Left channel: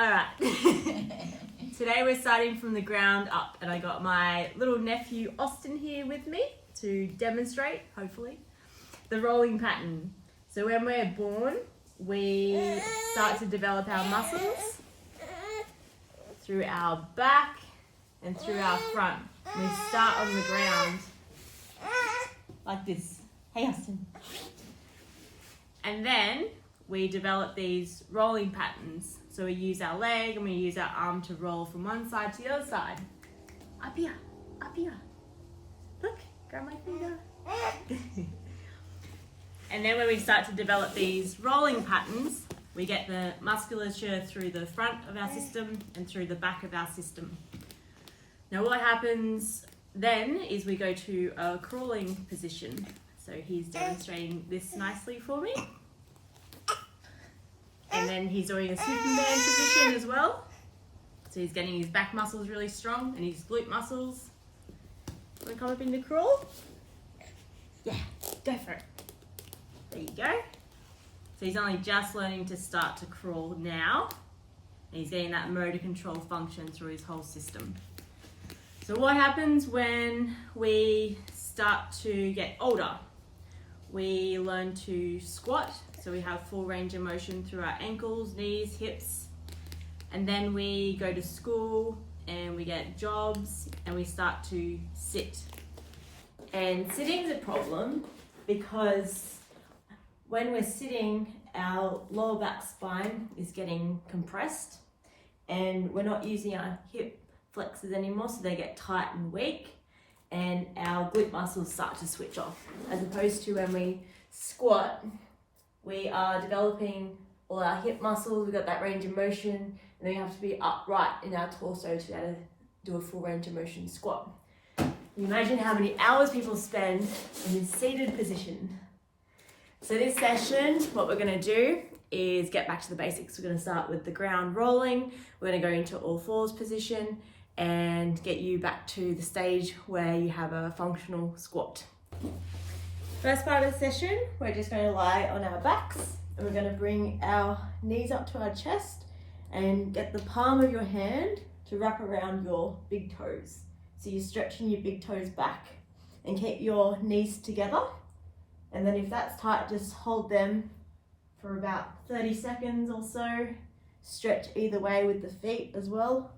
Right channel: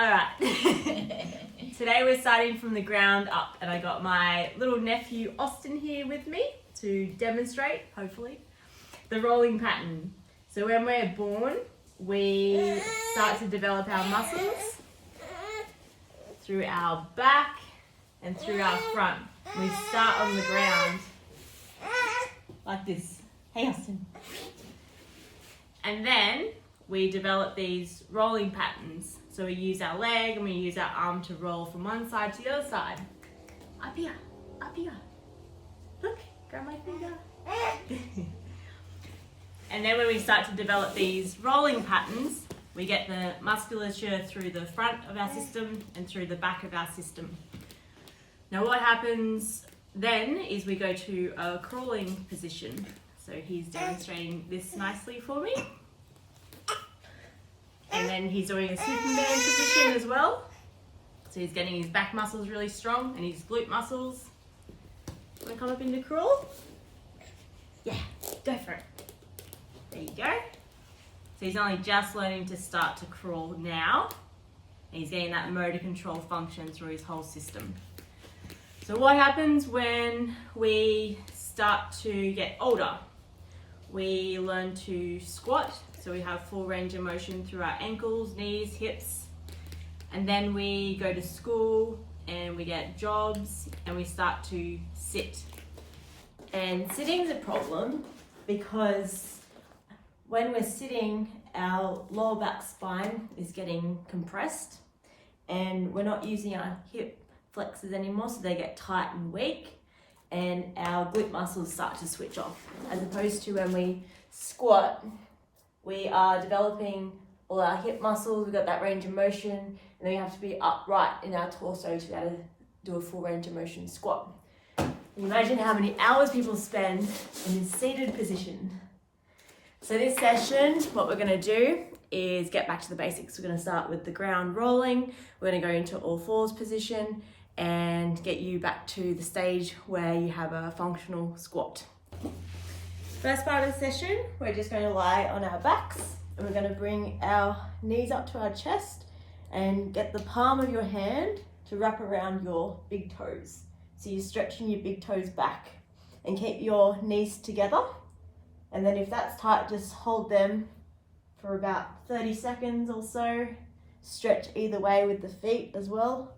Alright, today we're starting from the ground up, and I got my little nephew Austin here with me to demonstrate, hopefully, the rolling pattern. So when we're born, we start to develop our muscles through our back and through our front. We start on the ground like this. Hey Austin. And then we develop these rolling patterns. So we use our leg and we use our arm to roll from one side to the other side. Up here, up here. Look, grab my finger. And then when we start to develop these rolling patterns, we get the musculature through the front of our system and through the back of our system. Now what happens then is we go to a crawling position. So he's demonstrating this nicely for me. And then he's doing a Superman position as well. So he's getting his back muscles really strong and his glute muscles. Want to come up into crawl? Yeah, go for it. There you go. So he's only just learning to start to crawl now. And he's getting that motor control function through his whole system. So what happens when we start to get older? We learn to squat. So we have full range of motion through our ankles, knees, hips. And then we go to school and we get jobs and we start to sit. And sitting is a problem because when we're sitting, our lower back spine is getting compressed and we're not using our hip flexors anymore, so they get tight and weak and our glute muscles start to switch off. As opposed to when we squat, we are developing all our hip muscles, we've got that range of motion, and then we have to be upright in our torso to be able to do a full range of motion squat. Can you imagine how many hours people spend in this seated position? So this session, what we're going to do is get back to the basics. We're going to start with the ground rolling, we're going to go into all fours position and get you back to the stage where you have a functional squat. First part of the session, we're just going to lie on our backs and we're going to bring our knees up to our chest and get the palm of your hand to wrap around your big toes. So you're stretching your big toes back and keep your knees together. And then if that's tight, just hold them for about 30 seconds or so. Stretch either way with the feet as well.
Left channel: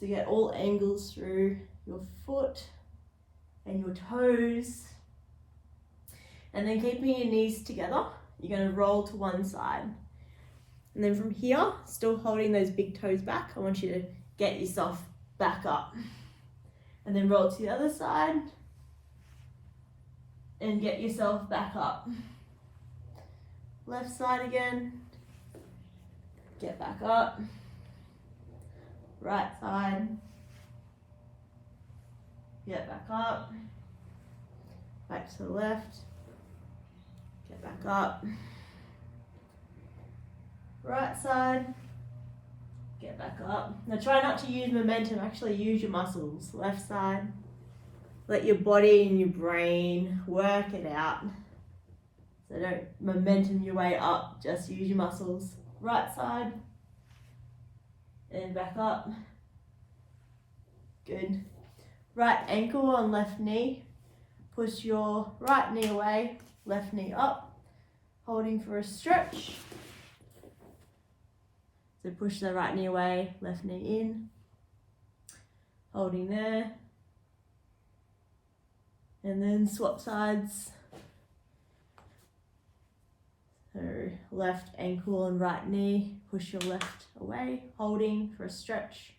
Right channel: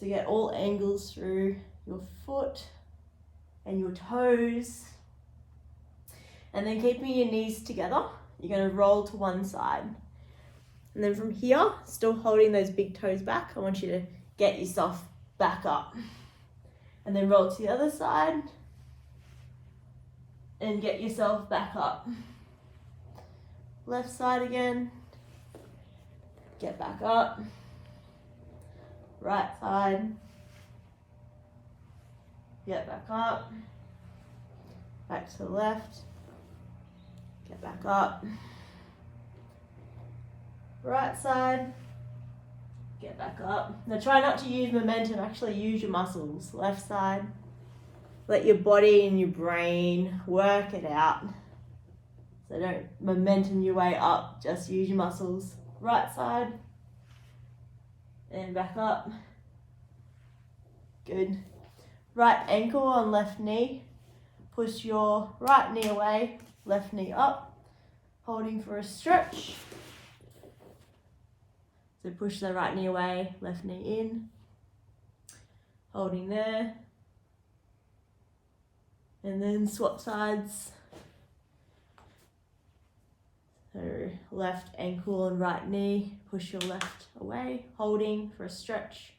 So get all angles through your foot and your toes. And then keeping your knees together, you're going to roll to one side. And then from here, still holding those big toes back, I want you to get yourself back up. And then roll to the other side. And get yourself back up. Left side again. Get back up. Right side. Get back up. Back to the left. Get back up. Right side. Get back up. Now try not to use momentum, actually use your muscles. Left side. Let your body and your brain work it out. So don't momentum your way up, just use your muscles. Right side. And back up. Good. Right ankle on left knee. Push your right knee away, left knee up. Holding for a stretch. So push the right knee away, left knee in. Holding there. And then swap sides. So left ankle and right knee, push your left away, holding for a stretch.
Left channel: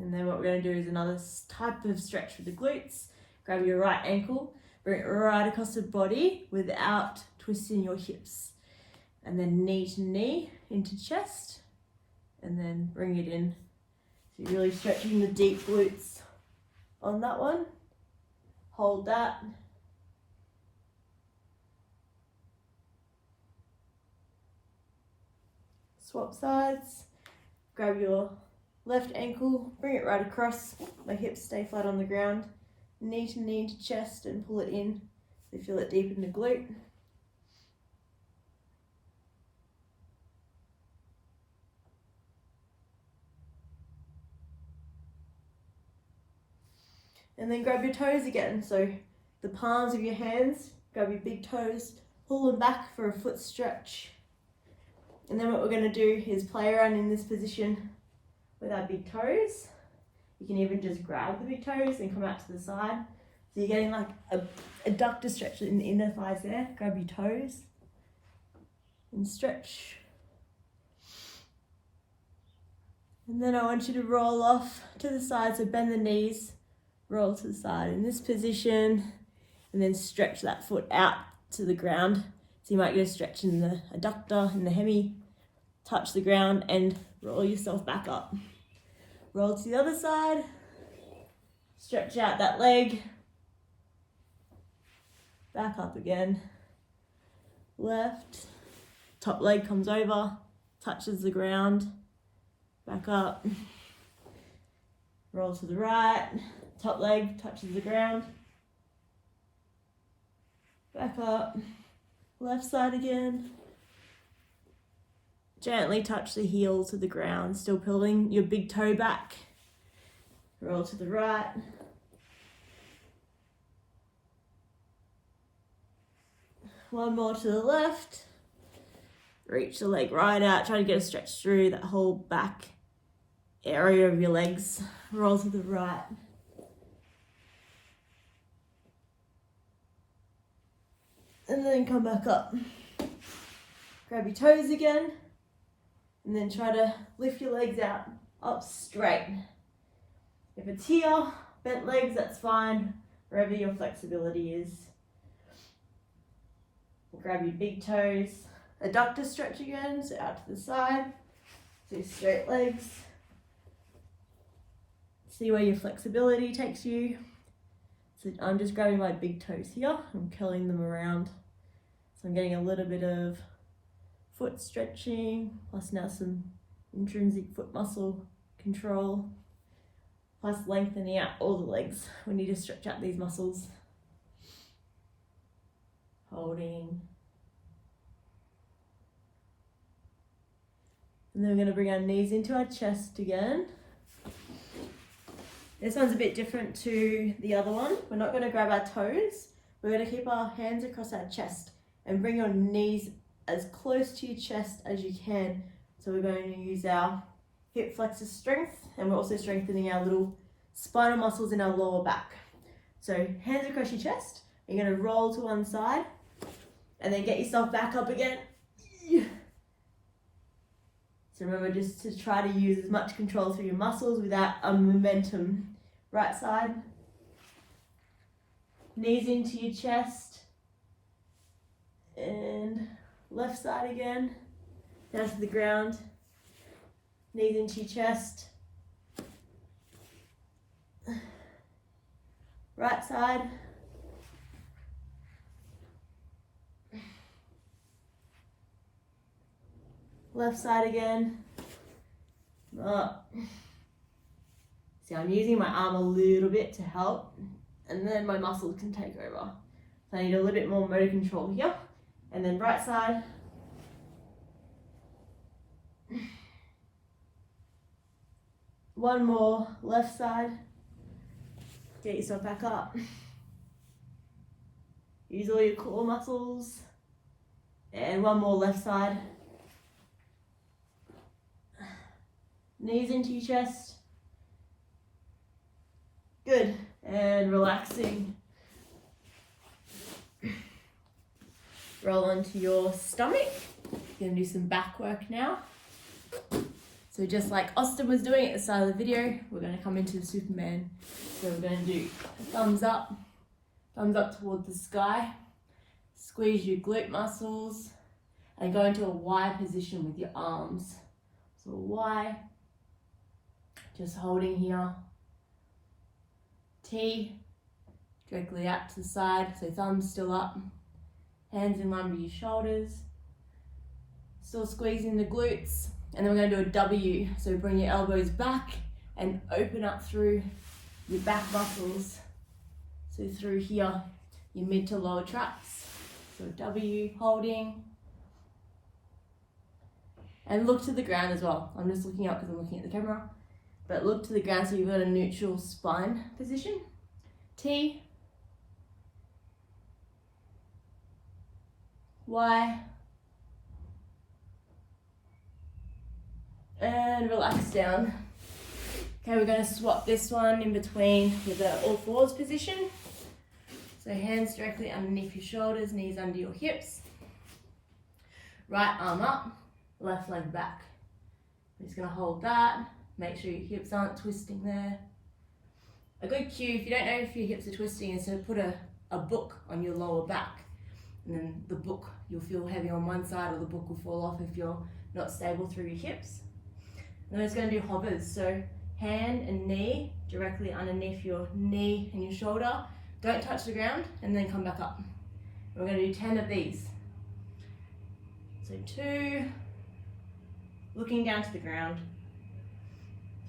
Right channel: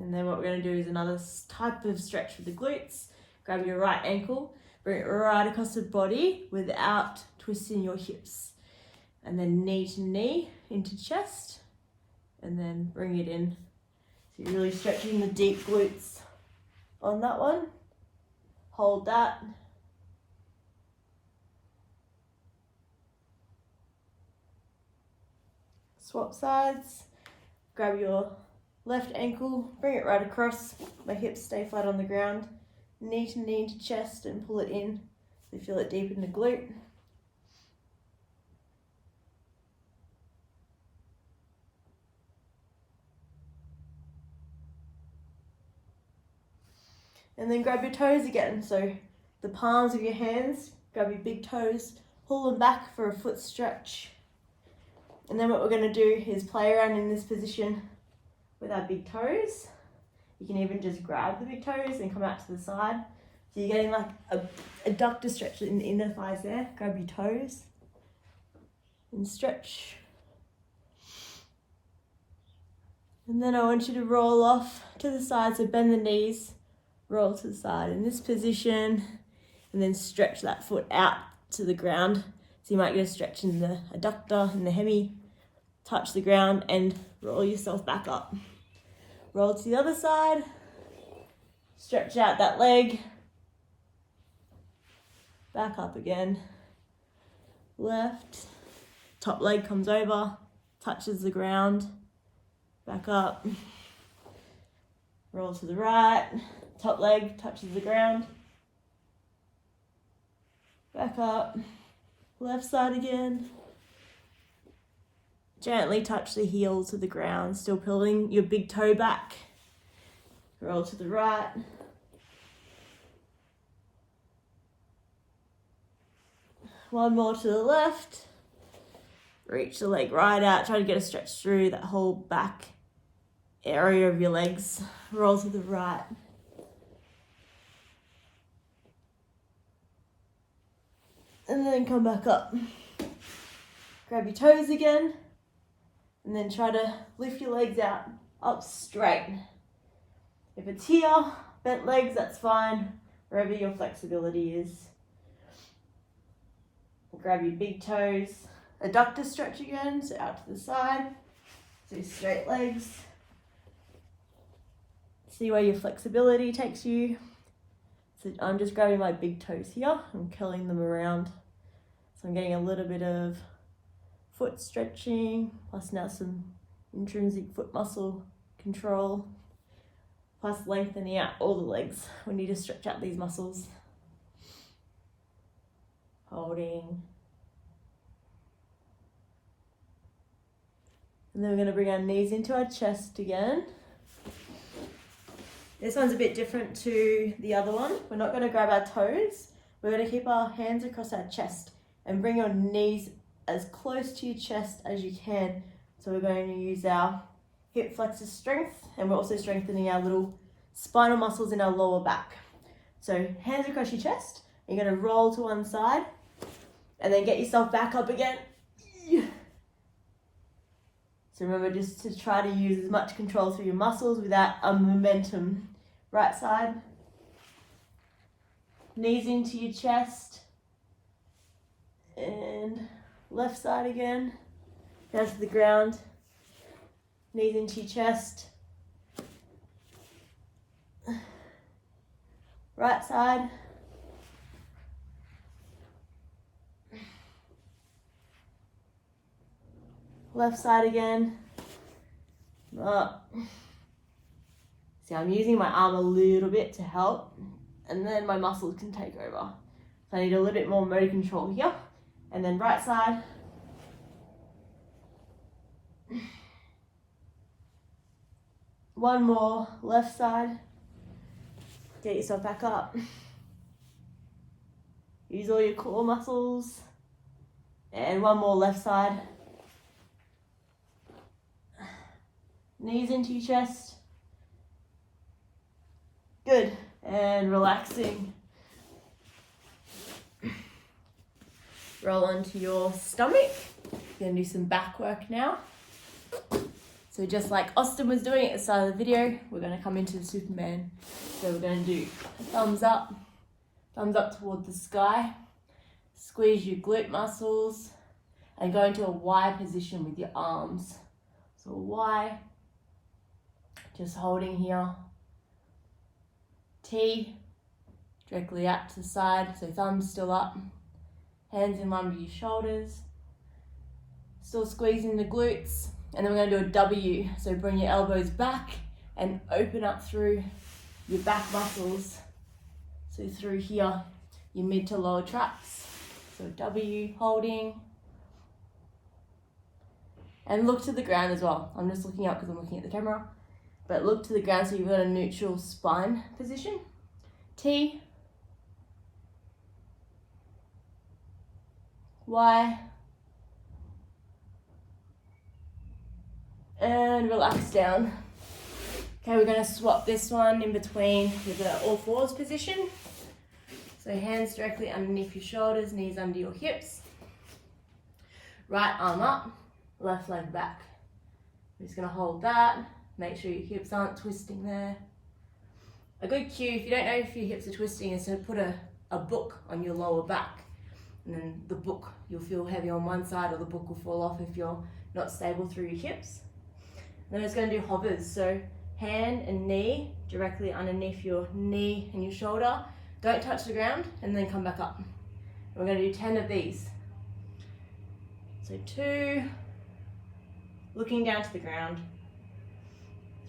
And then what we're going to do is another type of stretch for the glutes. Grab your right ankle, bring it right across the body without twisting your hips. And then knee to knee into chest, and then bring it in. So you're really stretching the deep glutes on that one. Hold that. Swap sides. Grab your left ankle, bring it right across. My hips stay flat on the ground. Knee to chest and pull it in. So you feel it deep in the glute. And then grab your toes again. So the palms of your hands, grab your big toes, pull them back for a foot stretch. And then what we're going to do is play around in this position with our big toes. You can even just grab the big toes and come out to the side. So you're getting like a adductor stretch in the inner thighs there. Grab your toes and stretch. And then I want you to roll off to the side. So bend the knees, roll to the side in this position, and then stretch that foot out to the ground. So you might get a stretch in the adductor and the hemi, touch the ground and roll yourself back up. Roll to the other side, stretch out that leg, back up again, left, top leg comes over, touches the ground, back up, roll to the right, top leg touches the ground, back up, left side again. Gently touch the heel to the ground, still pulling your big toe back. Roll to the right. One more to the left. Reach the leg right out. Try to get a stretch through that whole back area of your legs. Roll to the right. And then come back up. Grab your toes again. And then try to lift your legs out, up straight. If it's here, bent legs, that's fine, wherever your flexibility is. Grab your big toes, adductor stretch again, so out to the side, so straight legs. See where your flexibility takes you. So I'm just grabbing my big toes here and curling them around. So I'm getting a little bit of foot stretching, plus now some intrinsic foot muscle control, plus lengthening out all the legs. We need to stretch out these muscles. Holding. And then we're going to bring our knees into our chest again. This one's a bit different to the other one. We're not going to grab our toes. We're going to keep our hands across our chest and bring your knees as close to your chest as you can. So we're going to use our hip flexor strength, and we're also strengthening our little spinal muscles in our lower back. So hands across your chest, you're going to roll to one side and then get yourself back up again. So remember just to try to use as much control through your muscles without momentum. Right side, knees into your chest, and left side again, down to the ground, knees into your chest. Right side. Left side again. Up. So I'm using my arm a little bit to help, and then my muscles can take over. So I need a little bit more motor control here. And then right side. One more, left side. Get yourself back up. Use all your core muscles. And one more, left side. Knees into your chest. Good. And relaxing. Roll onto your stomach. We're going to do some back work now. So just like Austin was doing at the start of the video, we're going to come into the Superman. So we're going to do thumbs up toward the sky. Squeeze your glute muscles and go into a Y position with your arms. So Y, just holding here. T, directly out to the side, so thumbs still up. Hands in line with your shoulders. Still squeezing the glutes. And then we're going to do a W. So bring your elbows back and open up through your back muscles. So through here, your mid to lower traps. So W, holding. And look to the ground as well. I'm just looking up because I'm looking at the camera. But look to the ground so you've got a neutral spine position. T, Y, and relax down. Okay, we're going to swap this one in between with the all fours position. So hands directly underneath your shoulders, knees under your hips. Right arm up, left leg back. I'm just going to hold that. Make sure your hips aren't twisting there. A good cue, if you don't know if your hips are twisting, is to put a book on your lower back. And then the book, you'll feel heavy on one side, or the book will fall off if you're not stable through your hips. And then it's going to do hovers. So hand and knee directly underneath your knee and your shoulder. Don't touch the ground, and then come back up. We're going to do 10 of these. So 2, looking down to the ground.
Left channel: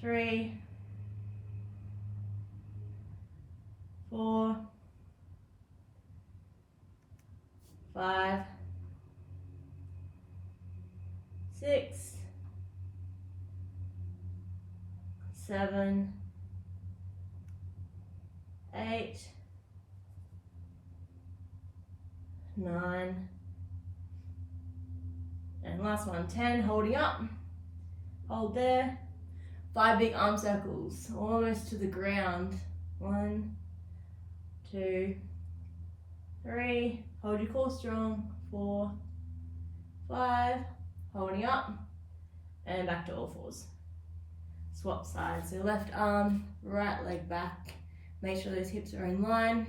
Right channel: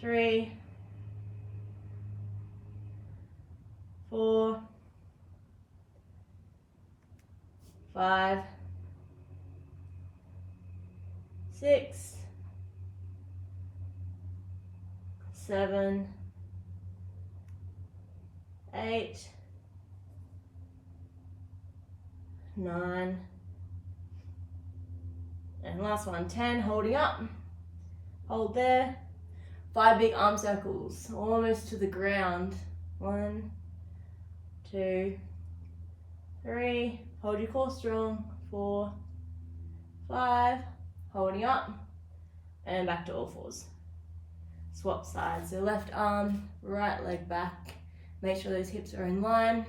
3, 4, 5, 6, 7, 8, 9, and last one, 10, holding up. Hold there. 5 big arm circles, almost to the ground. 1, 2, 3, hold your core strong. 4, 5, holding up, and back to all fours. Swap sides, so left arm, right leg back. Make sure those hips are in line.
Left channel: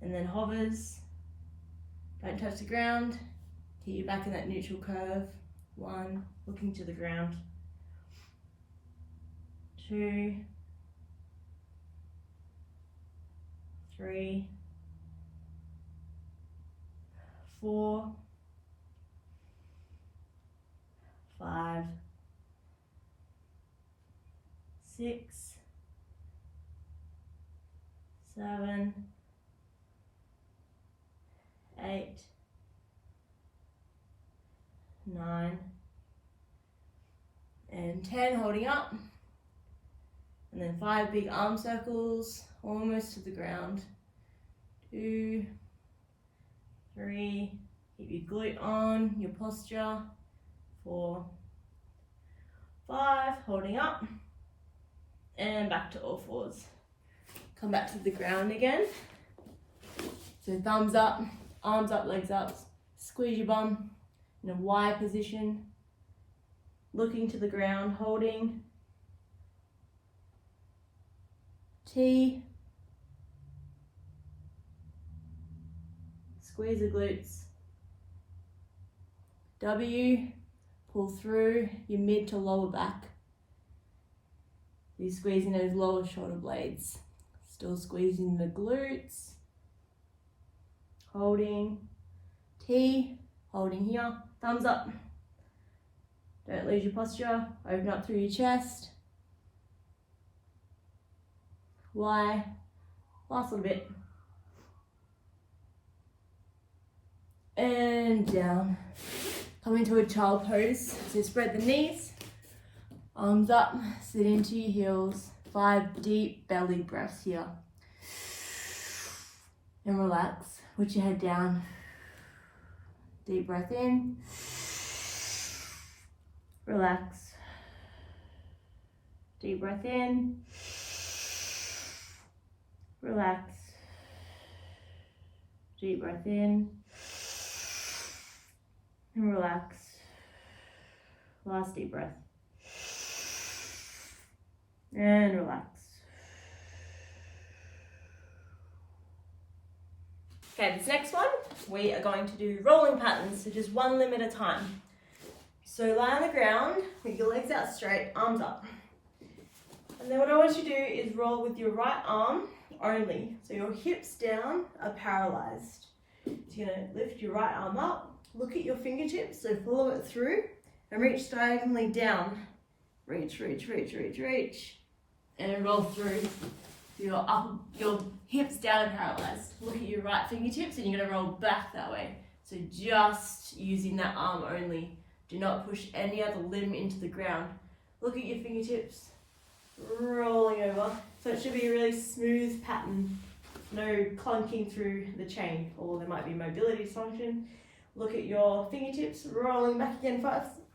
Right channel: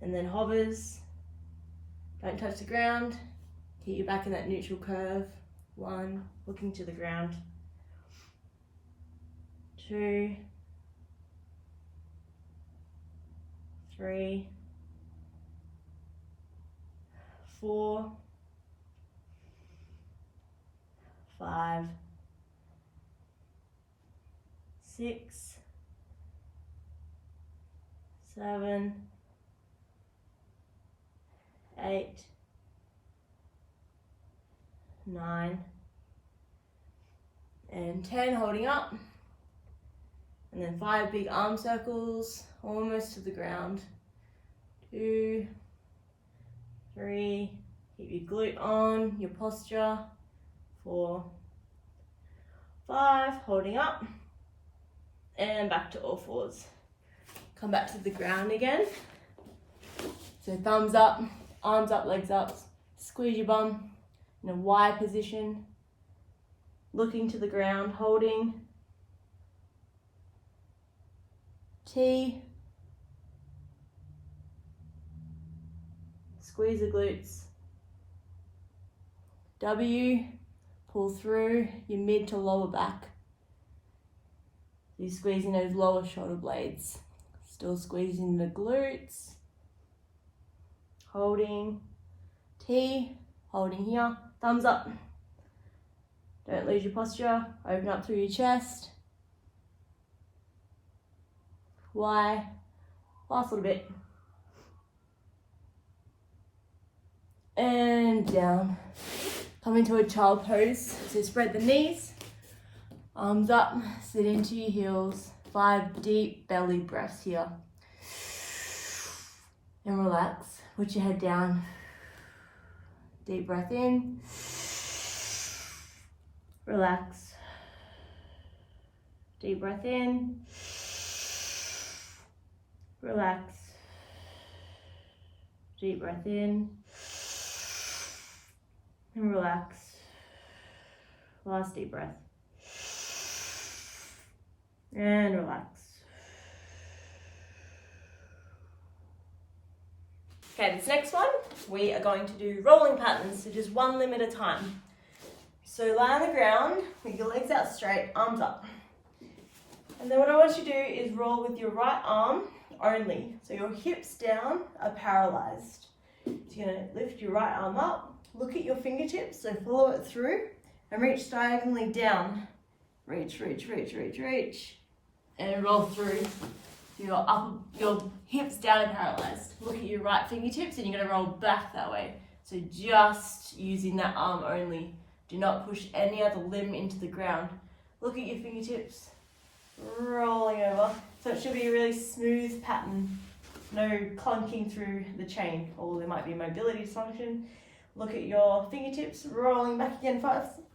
And then hovers. Don't touch the ground. Keep your back in that neutral curve. 1, looking to the ground. 2, 3, 4, 5, 6, 7, 8, 9, and 10, holding up. And then 5 big arm circles, almost to the ground. 2, 3, keep your glute on, your posture. 4, 5, holding up, and back to all fours. Come back to the ground again. So thumbs up, arms up, legs up, squeeze your bum in a Y position, looking to the ground, holding. T, squeeze the glutes. W, pull through your mid to lower back. So you're squeezing those lower shoulder blades. Still squeezing the glutes. Holding. T, holding here. Thumbs up. Don't lose your posture. Open up through your chest. Y. Last little bit. And down. Come into a child pose. So spread the knees. Arms up. Sit into your heels. 5 deep belly breaths here. And relax. Put your head down. Deep breath in. Relax. Deep breath in. Relax. Deep breath in. And relax. Last deep breath. And relax. Okay, this next one, we are going to do rolling patterns, so just one limb at a time. So lie on the ground with your legs out straight, arms up. And then what I want you to do is roll with your right arm only. So your hips down are parallelized. So you're going to lift your right arm up, look at your fingertips, so follow it through, and reach diagonally down. Reach, reach, reach, reach, reach. And roll through. Your hips down and parallelized. Look at your right fingertips and you're going to roll back that way. So just using that arm only. Do not push any other limb into the ground. Look at your fingertips. Rolling over. So it should be a really smooth pattern, no clunking through the chain, or there might be mobility dysfunction. Look at your fingertips, rolling back again,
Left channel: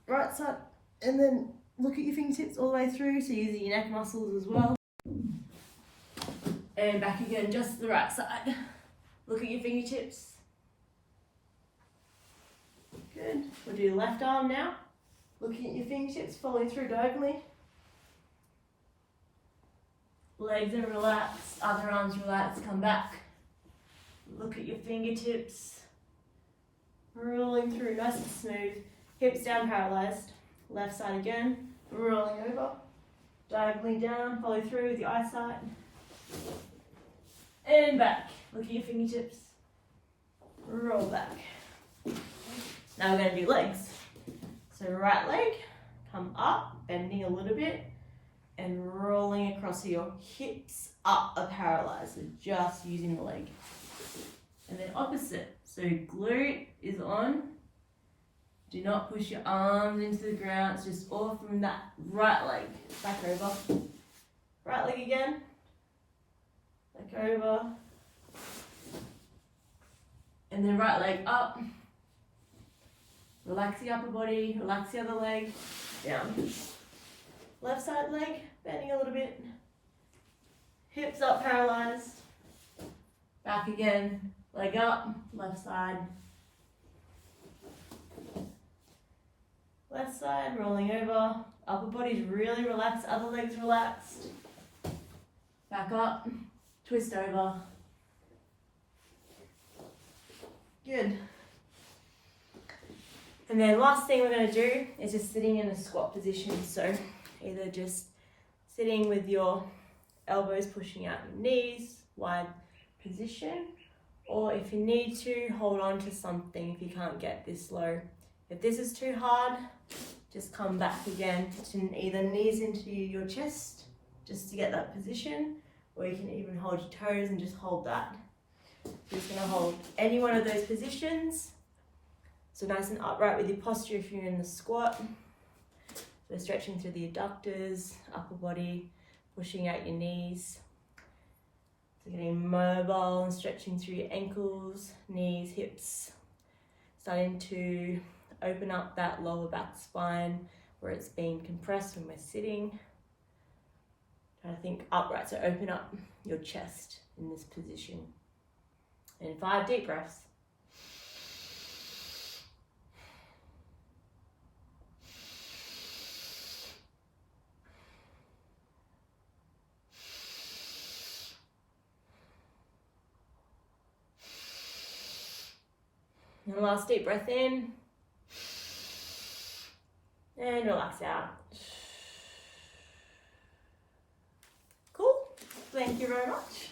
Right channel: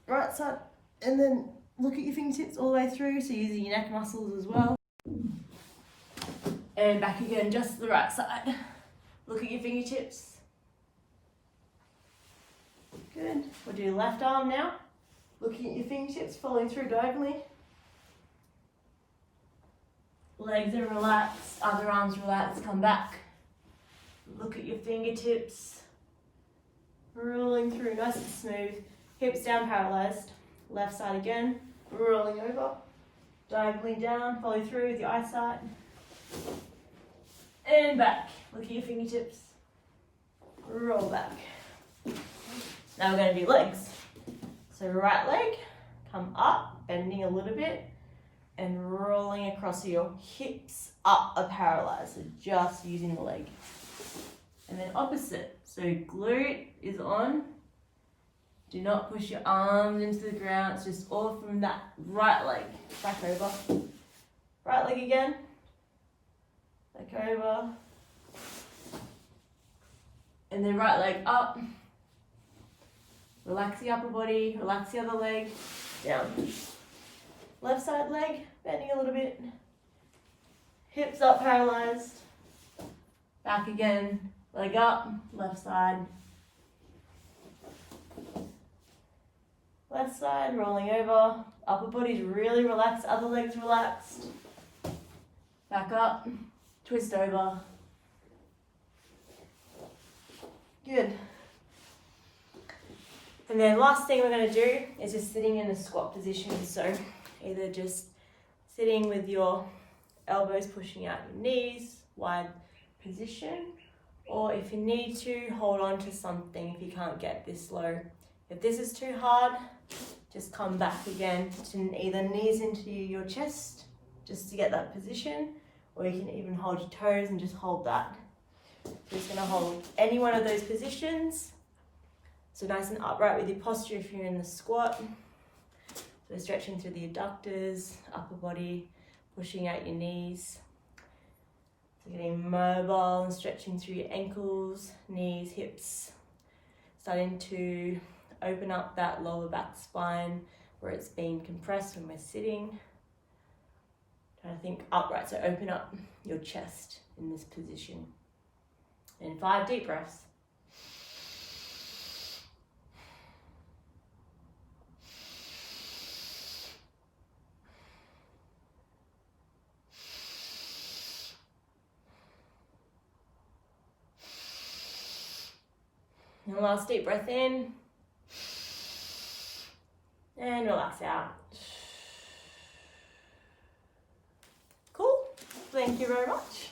right side, and then look at your fingertips all the way through, so using your neck muscles as well. And back again, just the right side. Look at your fingertips. Good. We'll do left arm now. Looking at your fingertips, following through diagonally. Legs are relaxed, other arms relaxed, come back. Look at your fingertips. Rolling through nice and smooth. Hips down, parallelized. Left side again. Rolling over. Diagonally down, follow through with your eyesight. And back. Look at your fingertips. Roll back. Now we're going to do legs. So right leg, come up, bending a little bit, and rolling across your hips up a parallel. So just using the leg. And then opposite. So glute is on. Do not push your arms into the ground. It's just all from that right leg. Back over. Right leg again. Back over. And then right leg up. Relax the upper body, relax the other leg, down. Left side leg, bending a little bit. Hips up, parallelized. Back again, leg up, left side. Left side, rolling over. Upper body's really relaxed, other leg's relaxed. Back up, twist over. Good. And then last thing we're going to do is just sitting in a squat position. So either just sitting with your elbows pushing out your knees, wide position, or if you need to, hold on to something if you can't get this low. If this is too hard, just come back again to either knees into your chest just to get that position, or you can even hold your toes and just hold that. You're just going to hold any one of those positions. So nice and upright with your posture if you're in the squat. So stretching through the adductors, upper body, pushing out your knees. So getting mobile and stretching through your ankles, knees, hips. Starting to open up that lower back spine where it's being compressed when we're sitting. Trying to think upright, so open up your chest in this position. And 5 deep breaths. And last deep breath in. And relax out. Cool. Thank you very much.